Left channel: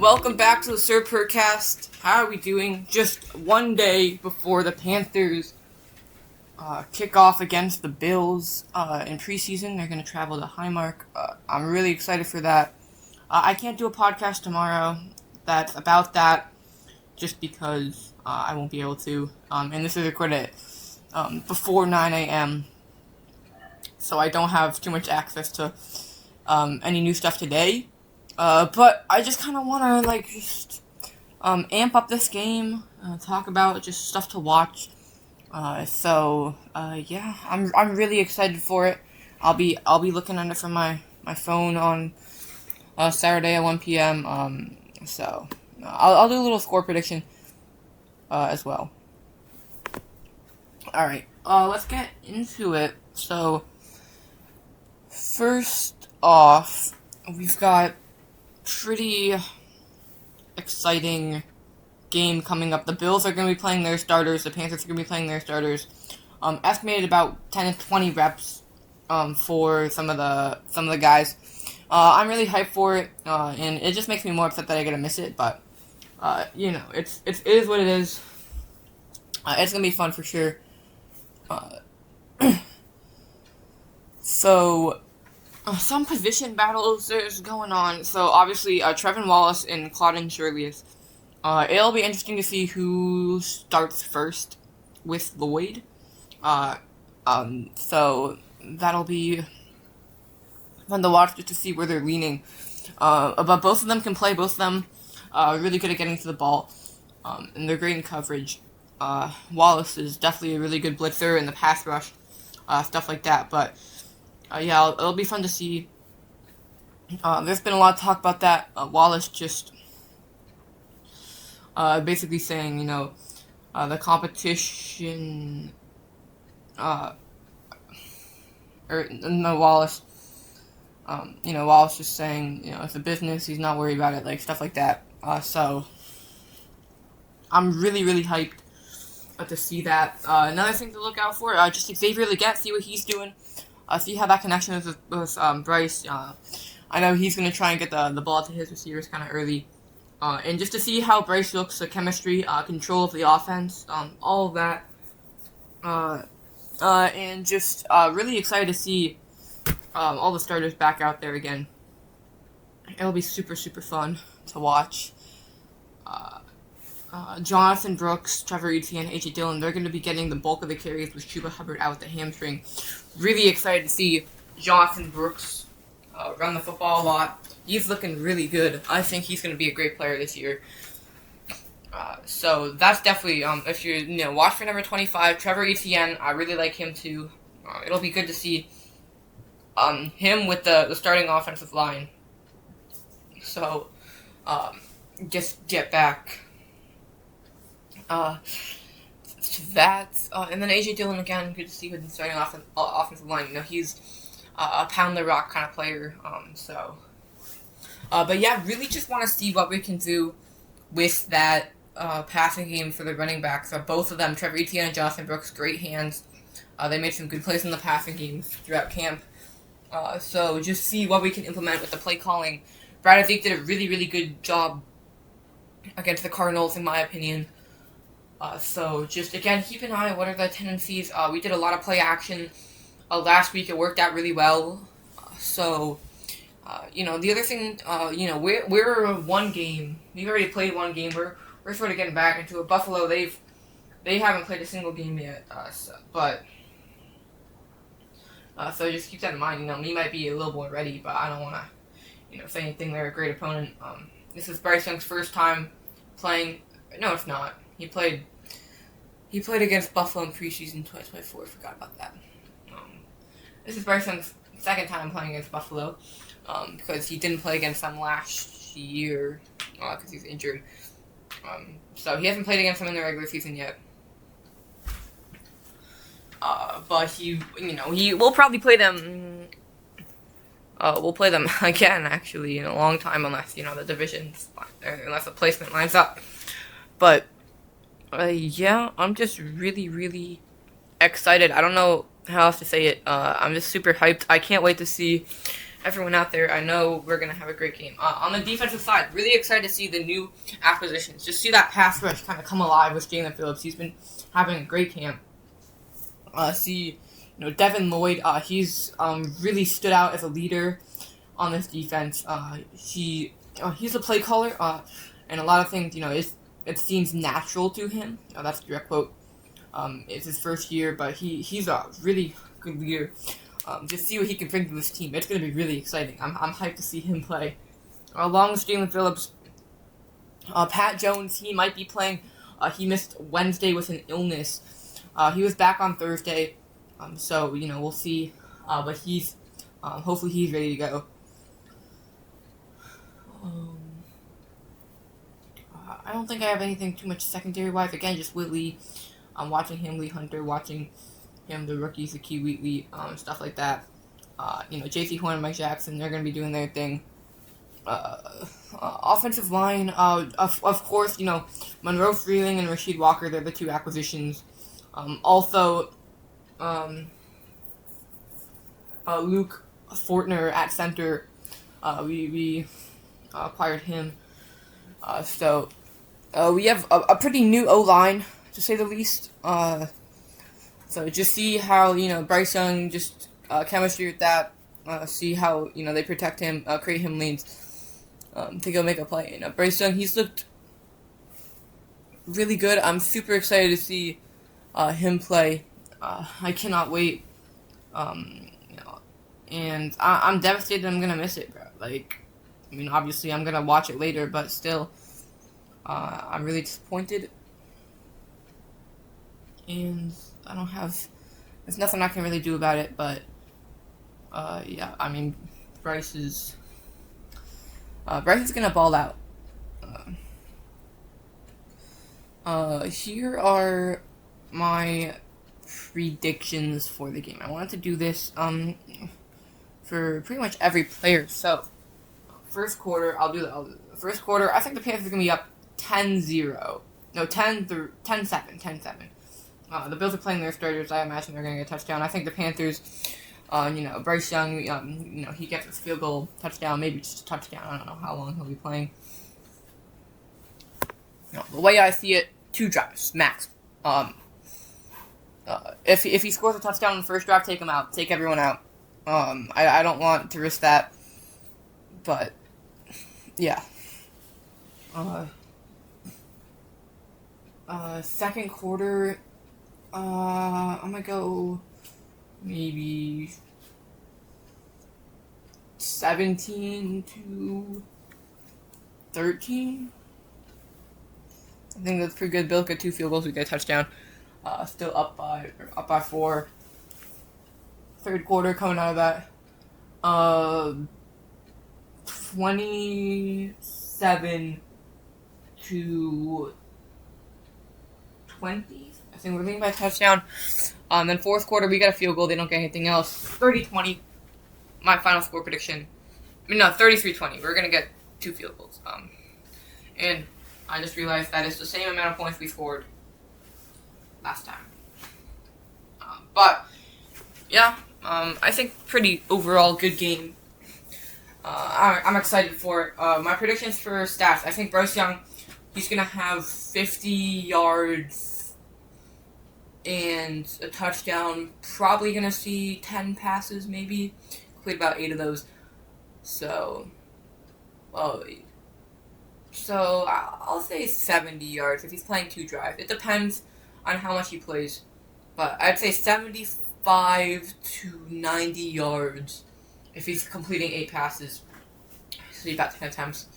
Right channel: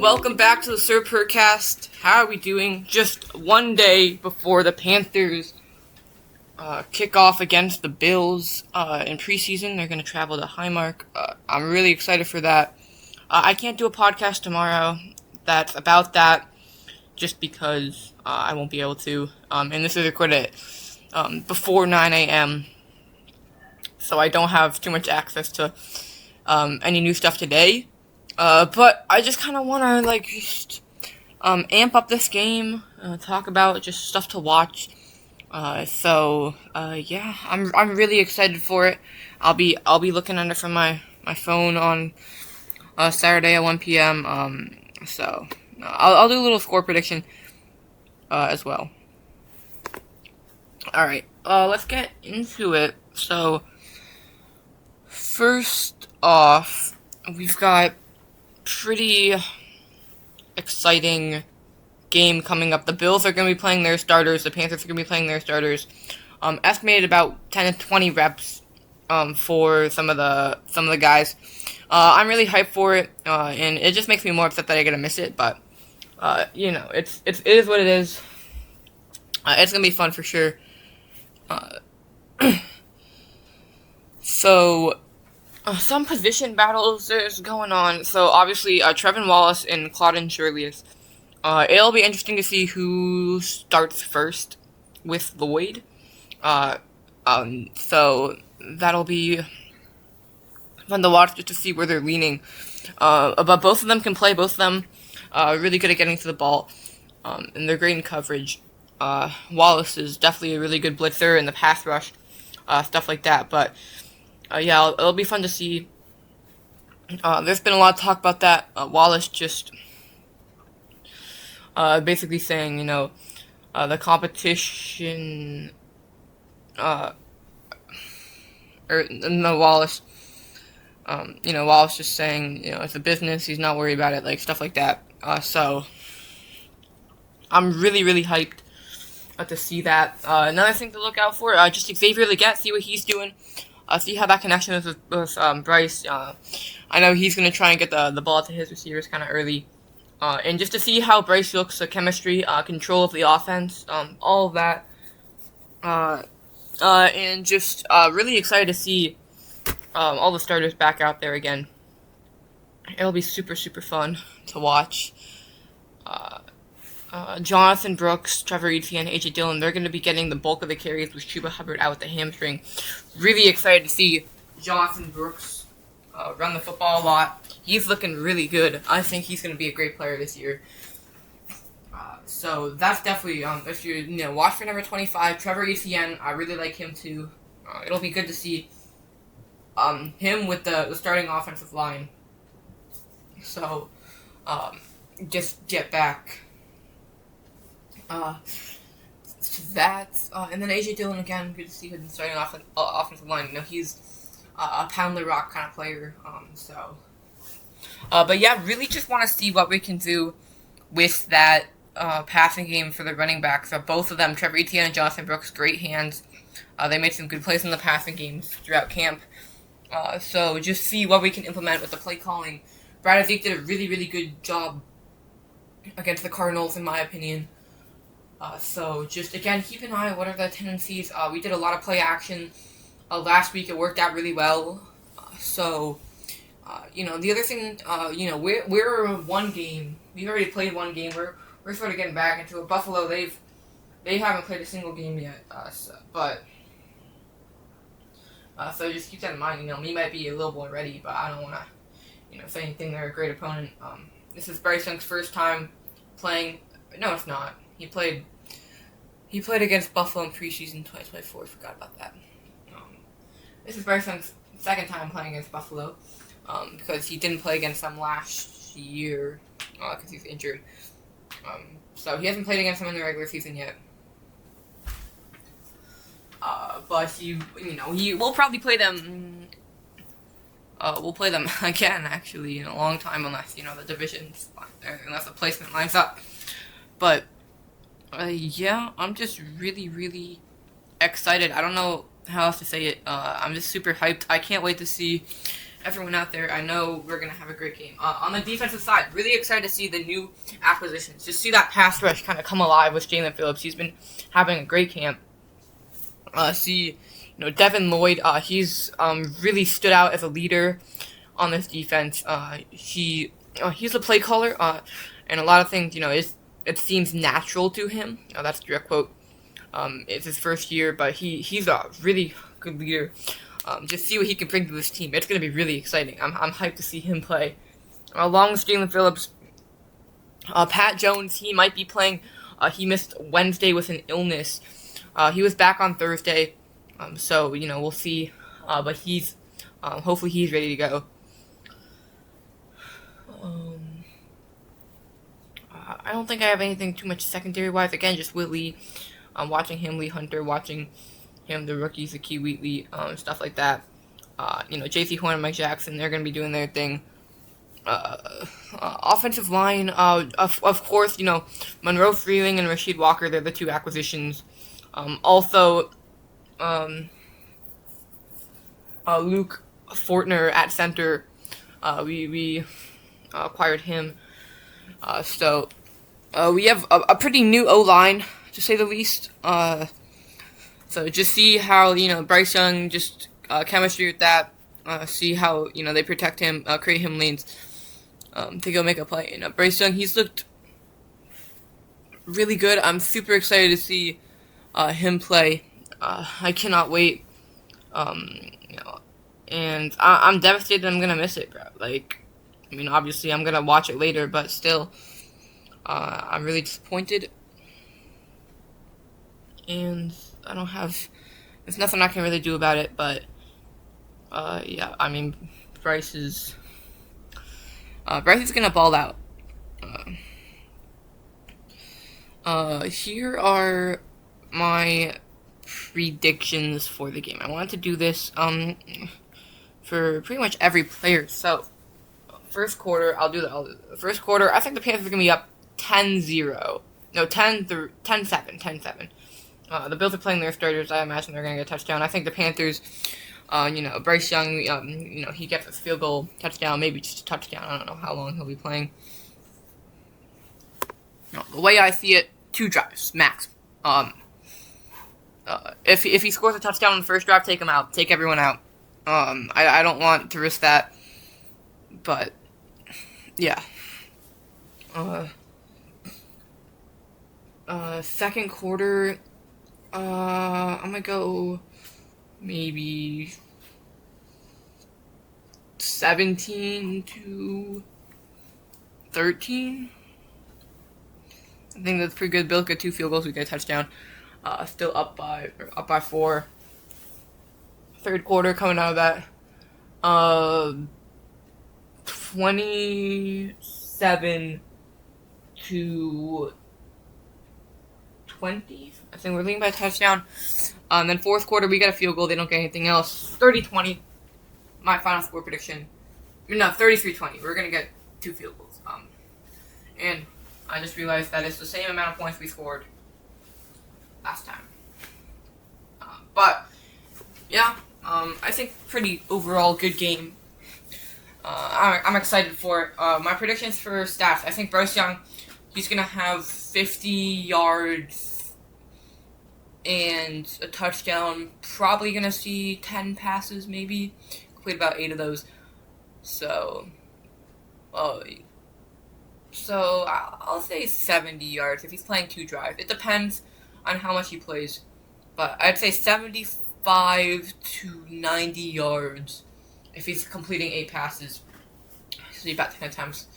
Welcome back to the Purrcast. How are we doing? Just one day before the Panthers kick off against the Bills in preseason. They're going to travel to Highmark. I'm really excited for that. I can't do a podcast tomorrow that's about that just because I won't be able to. And this is recorded before 9 a.m. So I don't have too much access to any new stuff today. But I just kind of want to just amp up this game, talk about just stuff to watch. Yeah, I'm really excited for it. I'll be looking at it from my phone on Saturday at 1 p.m. I'll do a little score prediction as well. All right, let's get into it. So first off, we've got pretty exciting game coming up. The Bills are going to be playing their starters. The Panthers are going to be playing their starters. Estimated about 10 to 20 reps for some of the guys. I'm really hyped for it, and it just makes me more upset that I got to miss it. But it is what it is. It's going to be fun for sure. Some position battles is going on. So obviously, Trevin Wallace and Claudin Shirley's. It'll be interesting to see who starts first with Lloyd. So that'll be fun to watch just to see where they're leaning. But both of them can play. Both of them really good at getting to the ball. And they're great in coverage. Wallace is definitely a really good blitzer in the pass rush, stuff like that. But it'll be fun to see. There's been a lot of talk about that. Wallace just basically saying, the competition, Wallace, Wallace just saying, it's a business, he's not worried about it, stuff like that. So I'm really, really hyped to see that. Another thing to look out for, just Xavier Legette, see what he's doing. See how that connection is with Bryce. I know he's going to try and get the ball to his receivers kind of early. And just to see how Bryce looks, the chemistry, control of the offense, all of that. And just really excited to see all the starters back out there again. It'll be super, super fun to watch. Jonathan Brooks, Trevor Etienne, AJ Dillon, they're going to be getting the bulk of the carries with Chuba Hubbard out with the hamstring. Really excited to see Jonathan Brooks run the football a lot. He's looking really good. I think he's going to be a great player this year. So that's definitely, if you watch for number 25, Trevor Etienne, I really like him too. It'll be good to see him with the starting offensive line. So just get back to that. And then AJ Dillon again, good to see him starting offensive line. He's a pound the rock kind of player. But yeah, really just want to see what we can do with that passing game for the running backs. Both of them, Trevor Etienne and Jonathan Brooks, great hands. They made some good plays in the passing games throughout camp. So just see what we can implement with the play calling. Brad Zeke did a really, really good job against the Cardinals, in my opinion. So just, again, keep an eye on what are the tendencies. We did a lot of play action last week. It worked out really well. The other thing, we're one game. We've already played one game. We're sort of getting back into it. Buffalo, they haven't played a single game yet. So just keep that in mind. We might be a little more ready, but I don't want to, say anything. They're a great opponent. This is Bryce Young's first time playing. No, it's not. He played against Buffalo in preseason 2024. I forgot about that. This is Bryce Young's second time playing against Buffalo, because he didn't play against them last year because he's injured. So he hasn't played against them in the regular season yet. But he will probably play them. We'll play them again, actually, in a long time, unless the divisions, unless the placement lines up. But I'm just really, really excited. I don't know how else to say it. I'm just super hyped. I can't wait to see everyone out there. I know we're going to have a great game. On the defensive side, really excited to see the new acquisitions. Just see that pass rush kind of come alive with Jalen Phillips. He's been having a great camp. Devin Lloyd, he's really stood out as a leader on this defense. He's a play caller, and a lot of things, it seems natural to him. That's a direct quote. It's his first year, but he's a really good leader. Just see what he can bring to this team. It's going to be really exciting. I'm hyped to see him play. Along with Jalen Phillips, Pat Jones, he might be playing. He missed Wednesday with an illness. He was back on Thursday, so we'll see. But he's hopefully he's ready to go. I don't think I have anything too much secondary wise. Again, just Whitley. Watching him, Lee Hunter, watching him, the rookies, the Key Wheatley, stuff like that. J.C. Horn and Mike Jackson, they're going to be doing their thing. Offensive line, of course, Monroe Freeling and Rasheed Walker, they're the two acquisitions. Also, Luke Fortner at center, we acquired him. So we have a pretty new O-line, to say the least. So just see how, Bryce Young, just chemistry with that. See how, they protect him, create him lanes to go make a play. Bryce Young, he's looked really good. I'm super excited to see him play. I cannot wait. And I'm devastated I'm going to miss it, bro. Obviously I'm going to watch it later, but still, I'm really disappointed. And there's nothing I can really do about it, but, Bryce is gonna ball out. Here are my predictions for the game. I wanted to do this, for pretty much every player. So, first quarter, I'll do the first quarter. I think the Panthers are gonna be up 10-0. No, 10-7. The Bills are playing their starters. I imagine they're going to get a touchdown. I think the Panthers, Bryce Young, he gets a field goal touchdown, maybe just a touchdown. I don't know how long he'll be playing. The way I see it, 2 drives, max. If he scores a touchdown in the first drive, take him out. Take everyone out. I don't want to risk that. But, yeah. Second quarter, I'm gonna go maybe 17-13. I think that's pretty good. Bills get 2 field goals, we get a touchdown. Still up by 4. Third quarter coming out of that. 27-20. I think we're leading by a touchdown. Then fourth quarter, we got a field goal. They don't get anything else. 30-20. My final score prediction. 33-20. We're going to get 2 field goals. And I just realized that it's the same amount of points we scored last time. But, yeah, I think pretty overall good game. I'm excited for it. My predictions for stats. I think Bryce Young, he's going to have 50 yards and a touchdown. Probably going to see 10 passes, maybe. Complete about 8 of those. So I'll say 70 yards if he's playing 2 drives. It depends on how much he plays. But I'd say 75 to 90 yards if he's completing 8 passes. Actually, about 10 attempts.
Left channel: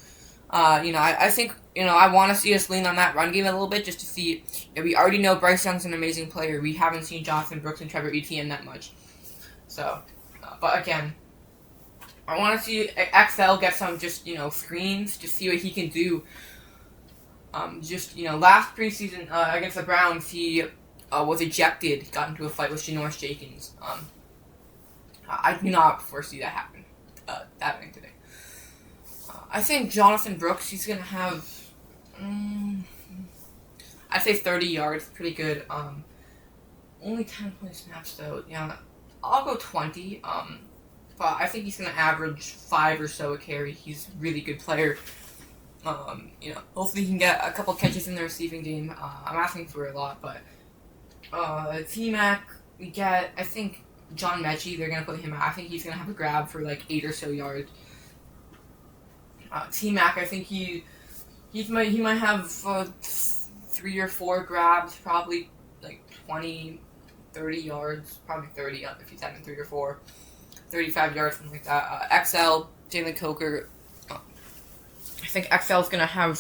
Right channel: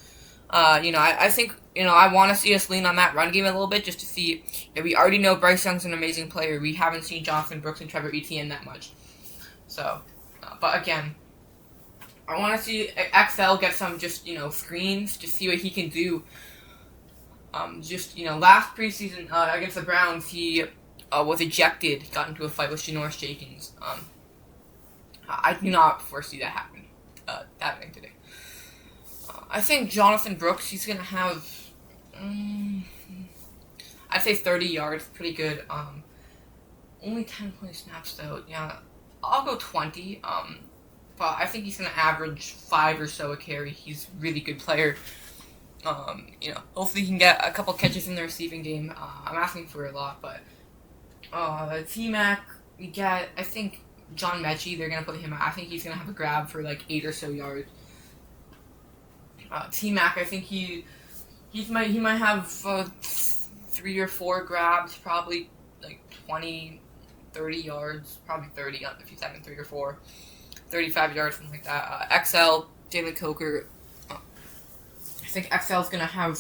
I think, I want to see us lean on that run game a little bit just to see. We already know Bryce Young's an amazing player. We haven't seen Jonathan Brooks and Trevor Etienne that much. So, but again, I want to see XL get some just, screens to see what he can do. Last preseason against the Browns, he was ejected, got into a fight with Janoris Jenkins. I do not foresee that happening today. I think Jonathan Brooks, he's going to have, I'd say 30 yards, pretty good. Only 10 point snaps, though. Yeah, I'll go 20. but I think he's going to average 5 or so a carry. He's a really good player. Hopefully he can get a couple catches in the receiving game. I'm asking for a lot, but T-Mac, we get, I think, John Mechie, they're going to put him out. I think he's going to have a grab for like 8 or so yards. T-Mac, I think he might have 3 or 4 grabs, probably like 20, 30 yards, probably 30 if he's having 3 or 4, 35 yards, something like that. XL, Jalen Coker, I think XL is going to have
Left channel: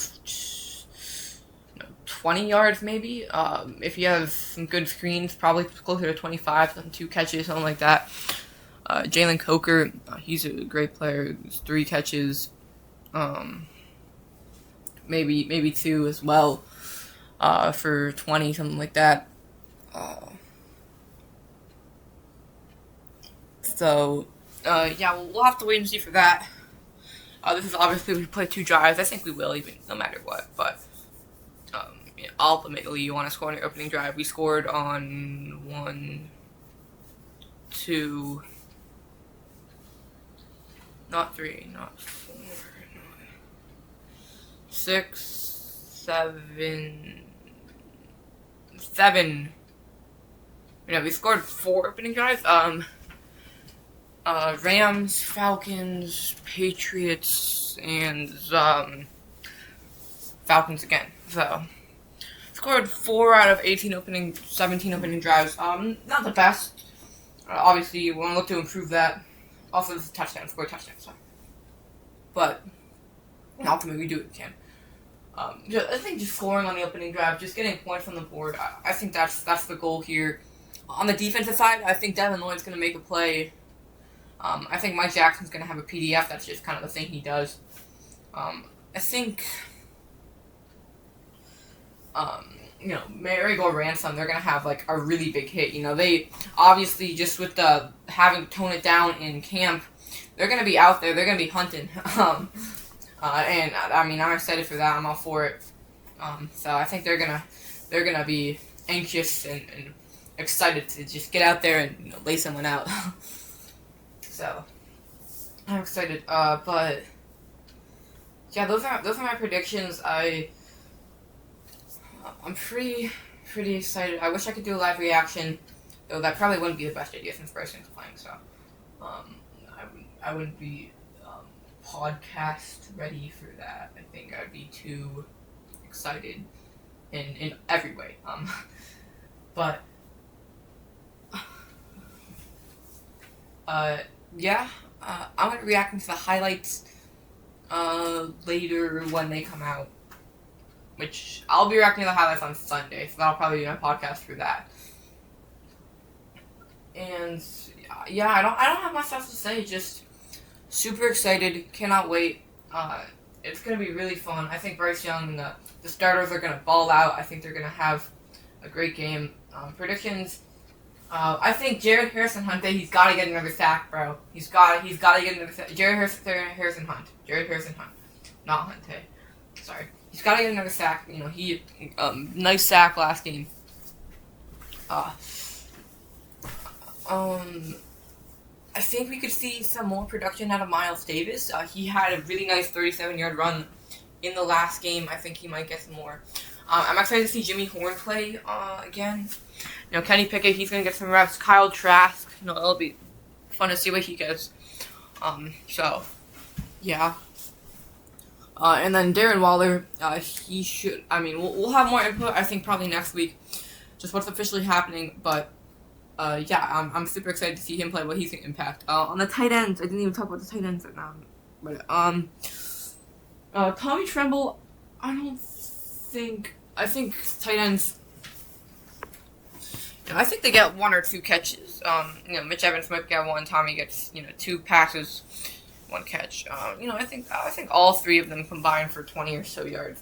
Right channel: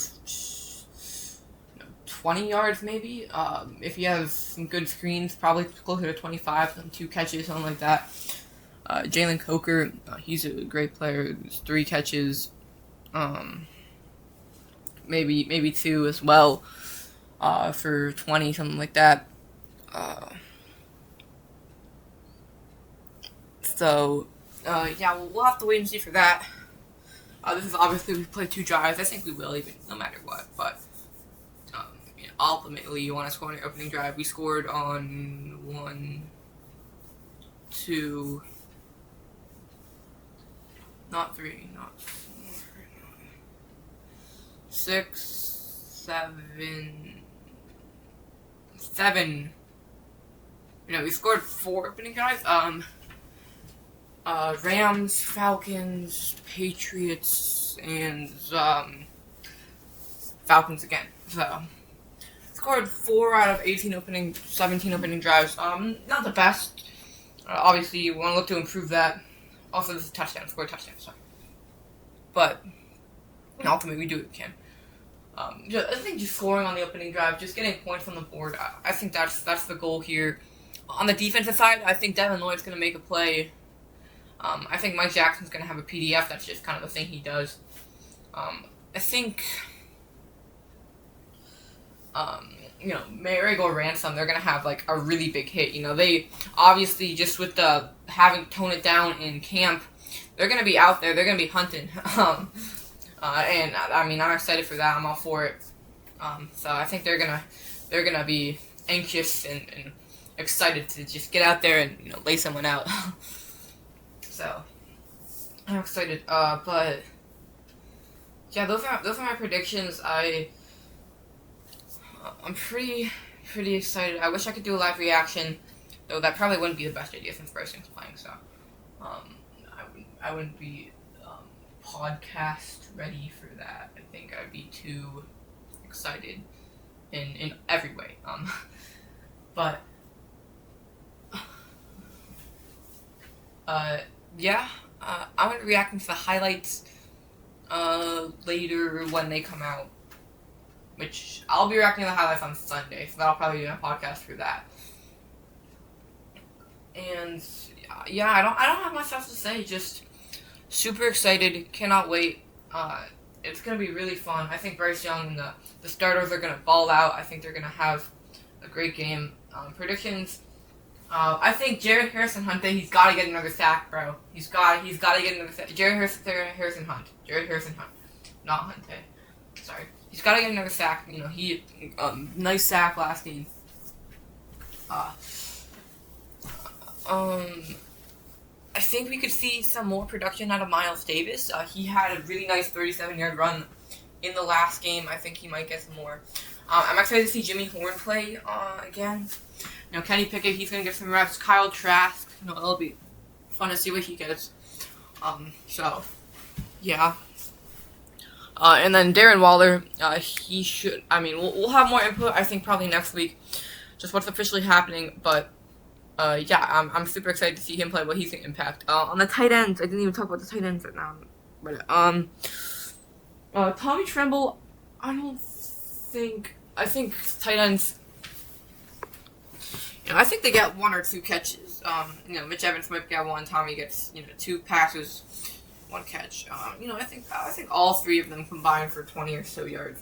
20 yards maybe. If he has some good screens, probably closer to 25, some 2 catches, something like that. Jalen Coker, he's a great player. 3 catches, maybe 2 as well, for 20, something like that. We'll have to wait and see for that. This is obviously, we play 2 drives. I think we will, even no matter what. But ultimately, you want to score on your opening drive. We scored on 1, 2, not 3, not 4, not 6, 7. We scored 4 opening drives. Rams, Falcons, Patriots, and Falcons again. So scored 4 out of 17 opening drives. Not the best. Obviously, you want to look to improve that. Also, this is a touchdown. Score a touchdown. Sorry, but ultimately, we do what we can. I think just scoring on the opening drive, just getting points on the board. I think that's the goal here. On the defensive side, I think Devin Lloyd's going to make a play. I think Mike Jackson's going to have a PDF. That's just kind of the thing he does. I think, Marigold Ransom, they're going to have, like, a really big hit. They, obviously, just with the having to tone it down in camp, they're going to be out there. They're going to be hunting. I'm excited for that. I'm all for it. So I think they're going to be anxious and excited to just get out there and, lay someone out. So, I'm excited. But yeah, those are my predictions. I'm pretty excited. I wish I could do a live reaction, though that probably wouldn't be the best idea since Bryce Young's playing. So, I wouldn't be podcast ready for that. I think I'd be too excited in every way. But I'm going to be reacting to the highlights later when they come out, which I'll be reacting to the highlights on Sunday, so that'll probably be my podcast for that. And I don't have much else to say, just super excited, cannot wait. It's going to be really fun. I think Bryce Young and the starters are going to ball out. I think they're going to have a great game. Predictions. I think Jared Harrison-Hunt, he's got to get another sack, bro. He's got to get another sack. Jared Harrison-Hunt, not Hunte. Sorry. He's got to get another sack. He nice sack last game. I think we could see some more production out of Miles Davis. He had a really nice 37-yard run in the last game. I think he might get some more. I'm excited to see Jimmy Horn play again. Kenny Pickett, he's going to get some reps. Kyle Trask, it'll be fun to see what he gets. Yeah. And then Darren Waller, he should, we'll have more input, I think, probably next week. Just what's officially happening, but, I'm super excited to see him play, what he's going to impact. On the tight ends, I didn't even talk about the tight ends right now. But, Tommy Tremble, I think tight ends, I think they get 1 or 2 catches. Mitch Evans might get 1. Tommy gets, 2 passes, 1 catch. I think all 3 of them combined for 20 or so yards.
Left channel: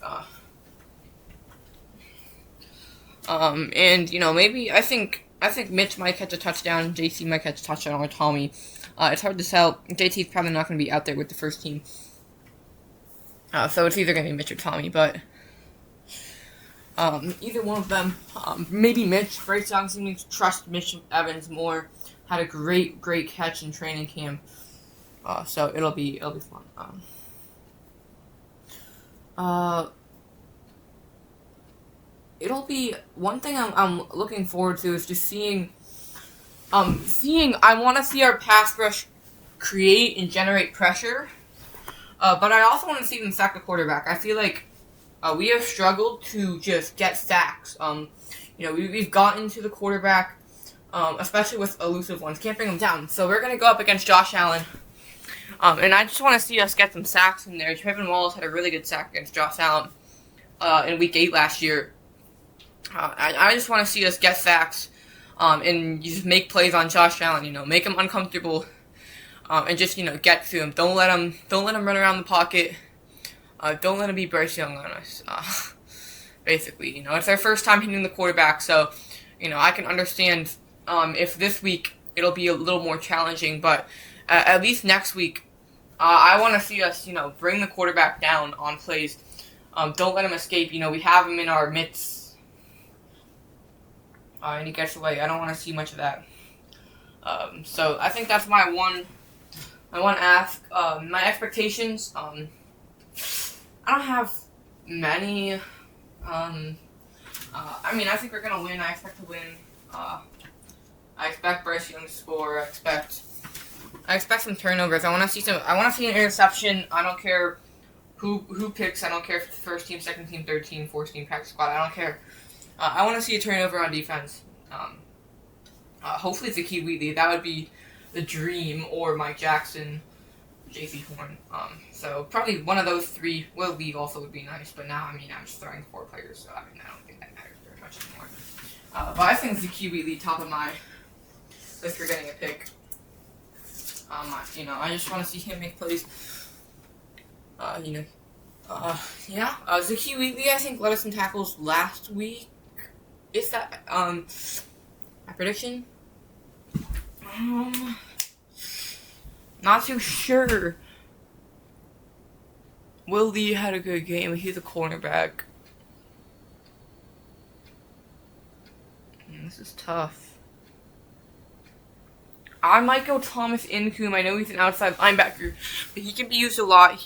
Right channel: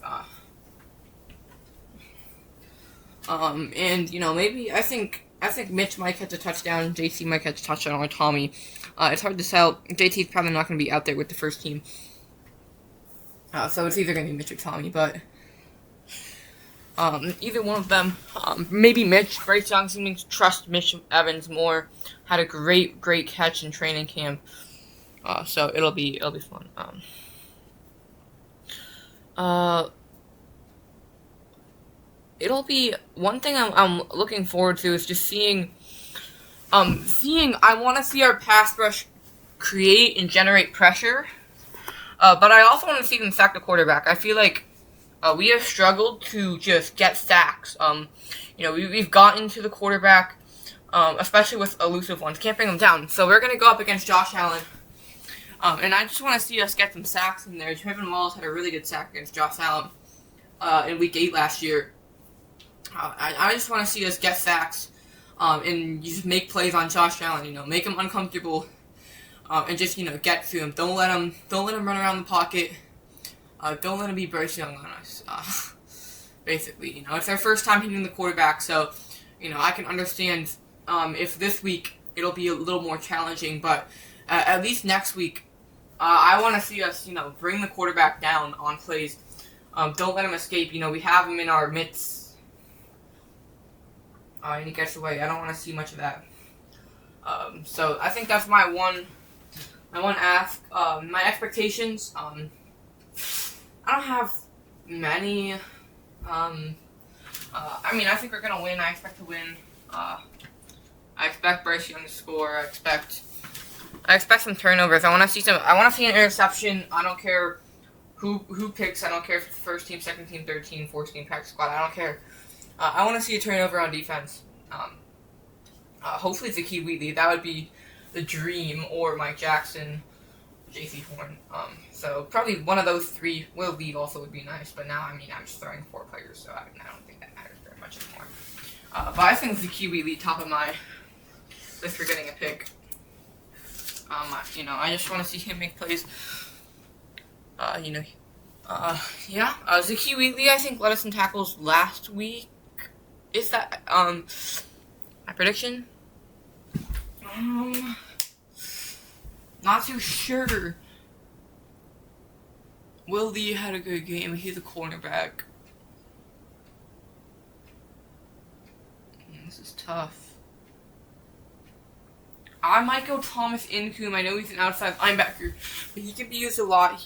Maybe I think Mitch might catch a touchdown. JC might catch a touchdown, or Tommy. It's hard to tell. JT's probably not going to be out there with the first team. So it's either going to be Mitch or Tommy, but either one of them, maybe Mitch. Bryce Young seems to trust Mitch Evans more. Had a great catch in training camp. So it'll be fun. Uh, it'll be one thing I'm looking forward to is just seeing. I want to see our pass rush create and generate pressure. But I also want to see them sack the quarterback. I feel like we have struggled to just get sacks. We've gotten to the quarterback, especially with elusive ones. Can't bring them down. So we're going to go up against Josh Allen. And I just want to see us get some sacks in there. Trevin Wallace had a really good sack against Josh Allen in Week 8 last year. I just want to see us get sacks and just make plays on Josh Allen. Make him uncomfortable and just get to him. Don't let him run around the pocket. Don't let him be Bryce Young on us. Basically, it's our first time hitting the quarterback, so I can understand if this week it'll be a little more challenging, but at least next week. I want to see us, bring the quarterback down on plays. Don't let him escape. We have him in our midst, and he gets away. I don't want to see much of that. So I think that's my one ask. My expectations. I don't have many. I think we're gonna win. I expect to win. I expect Bryce Young to score. I expect some turnovers. I want to see an interception. I don't care who picks. I don't care if it's first team, second team, third team, fourth team, practice squad. I don't care. I want to see a turnover on defense. Hopefully it's Zakee Wheatley. That would be the dream, or Mike Jackson, J.C. Horn. So probably one of those three. Will leave also would be nice. But now, I'm just throwing 4 players, so I don't think that matters very much anymore. But I think Zakee Wheatley top of my list for getting a pick. I just want to see him make plays. Zakee Wheatley, I think, led us in tackles last week. Is that, my prediction? Not too sure. Will Lee had a good game. He's a cornerback. This is tough. I might go Thomas Incoom. I know he's an outside linebacker, but he can be used a lot.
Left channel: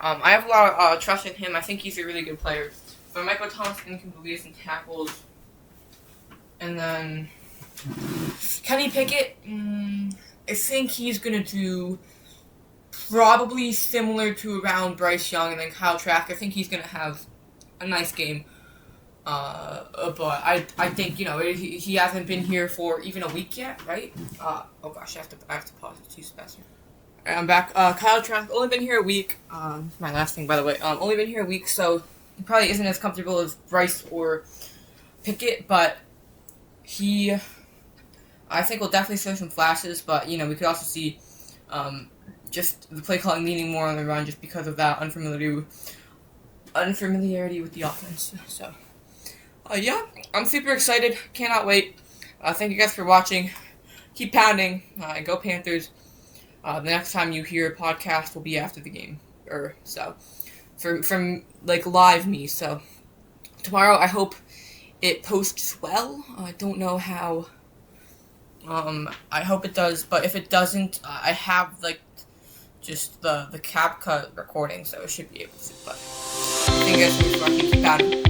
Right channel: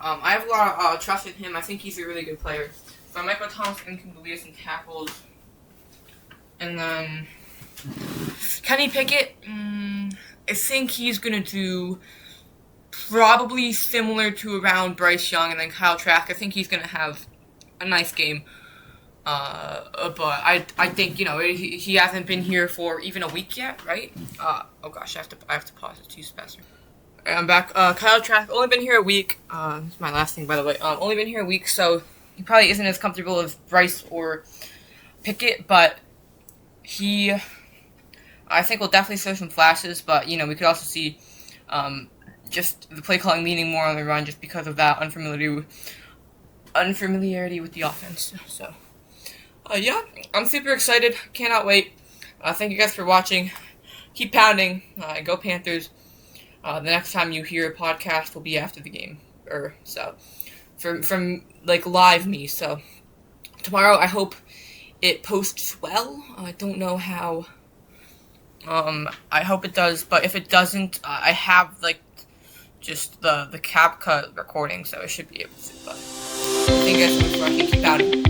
I have a lot of trust in him. I think he's a really good player. So I might go Thomas Incoom to lead us in tackles. And then Kenny Pickett, I think he's going to do probably similar to around Bryce Young and then Kyle Trask. I think he's going to have a nice game. But I think, he hasn't been here for even a week yet, right? Oh gosh, I have to pause it too fast. I'm back. Kyle Trask, only been here a week. It's my last thing, by the way. Only been here a week, so he probably isn't as comfortable as Bryce or Pickett, but I think we'll definitely show some flashes, but, we could also see, just the play calling leaning more on the run just because of that unfamiliarity with the offense, so. I'm super excited. Cannot wait. Thank you guys for watching. Keep pounding. Go Panthers. The next time you hear a podcast will be after the game. From live me. So tomorrow I hope it posts well. I don't know how. I hope it does, but if it doesn't, I have just the CapCut recording, so I should be able to. But thank you guys so much for watching. Keep pounding.